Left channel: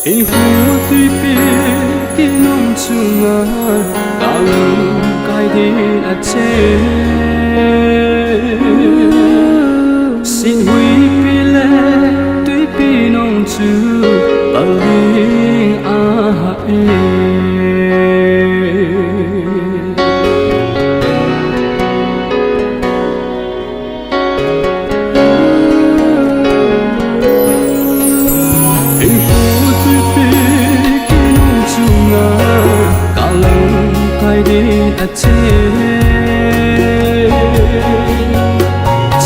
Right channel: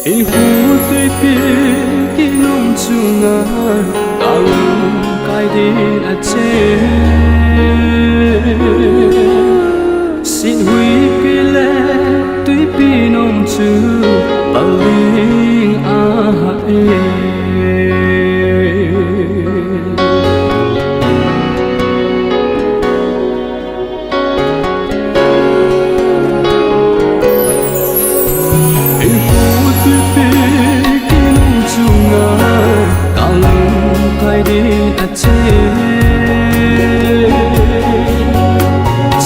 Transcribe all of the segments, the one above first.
Hinkho Twipi kinong chunga kalang kai din at xin hui pile Twipi nong chu paling Hinkho Twipi kinong chunga kalang kai din at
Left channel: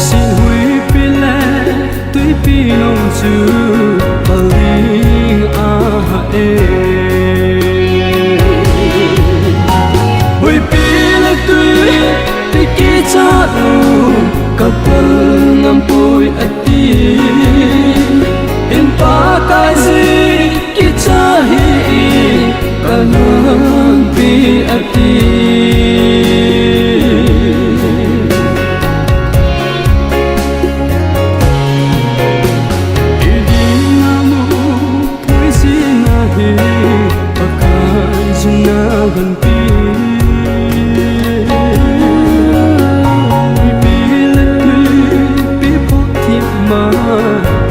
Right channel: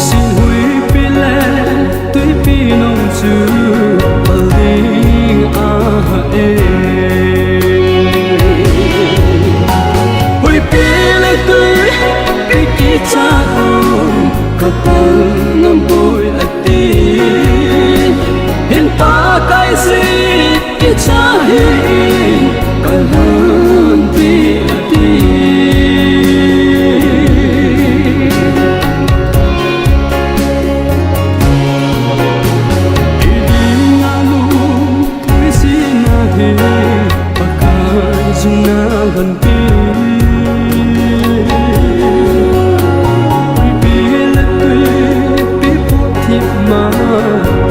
xin hui pile Twipi nong chu paling hui pile Twipi ki cha lu kapal ngam poi atin hin Pakai'in ki cha hi kalan pi atin iding alu pui si na hi Pakai'in na lan pi hui pi la Twipi po thip ma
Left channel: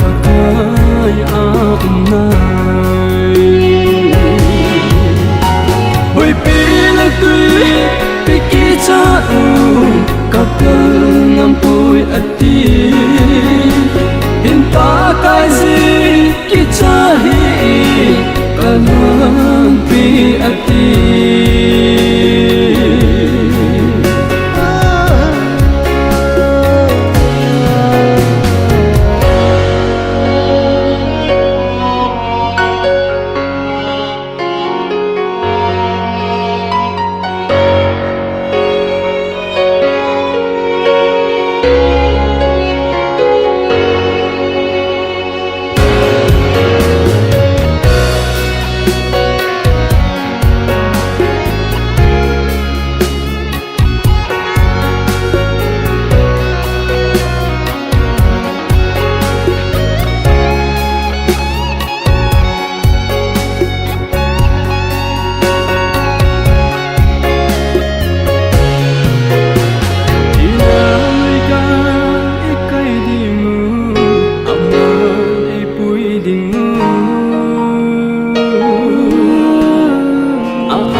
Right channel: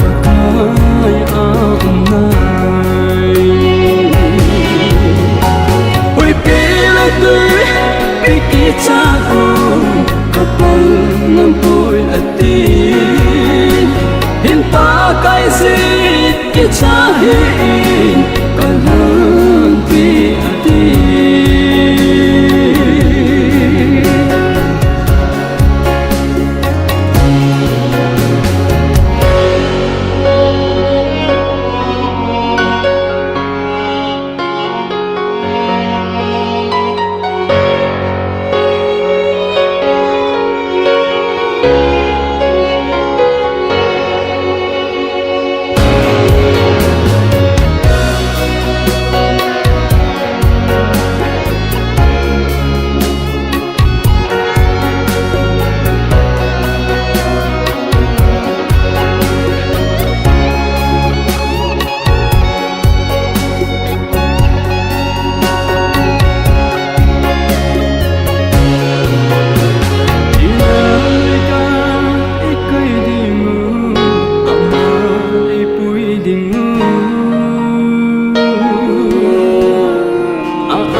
Pakai'in nai hui pile Twipi ki cha kapal ngam poi atin hin Pakai'in ki cha hi kalan pi atin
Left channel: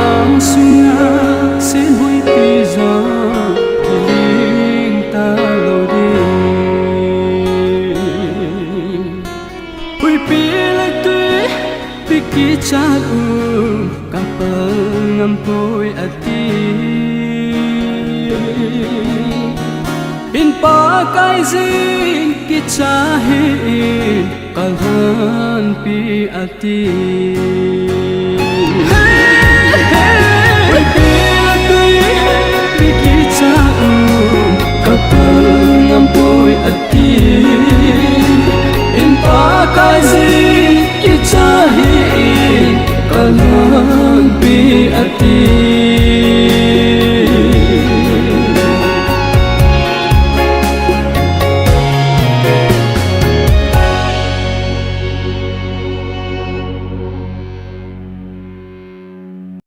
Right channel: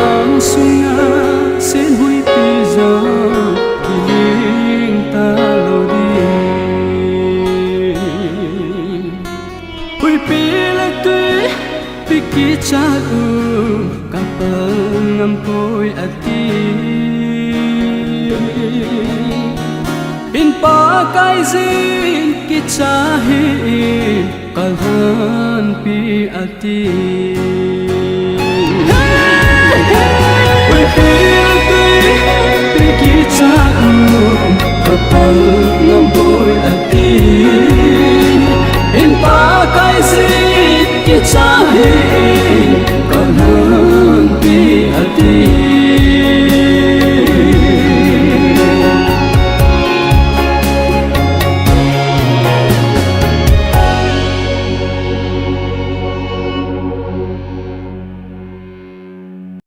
ang sunga sen hui pizza kiling talo di hui pile Twipi ki cha kapal ngam poi atin hin Pakai'in ki cha hi kalan pi atin hui pile Twipi ki cha kapal ngam poi atin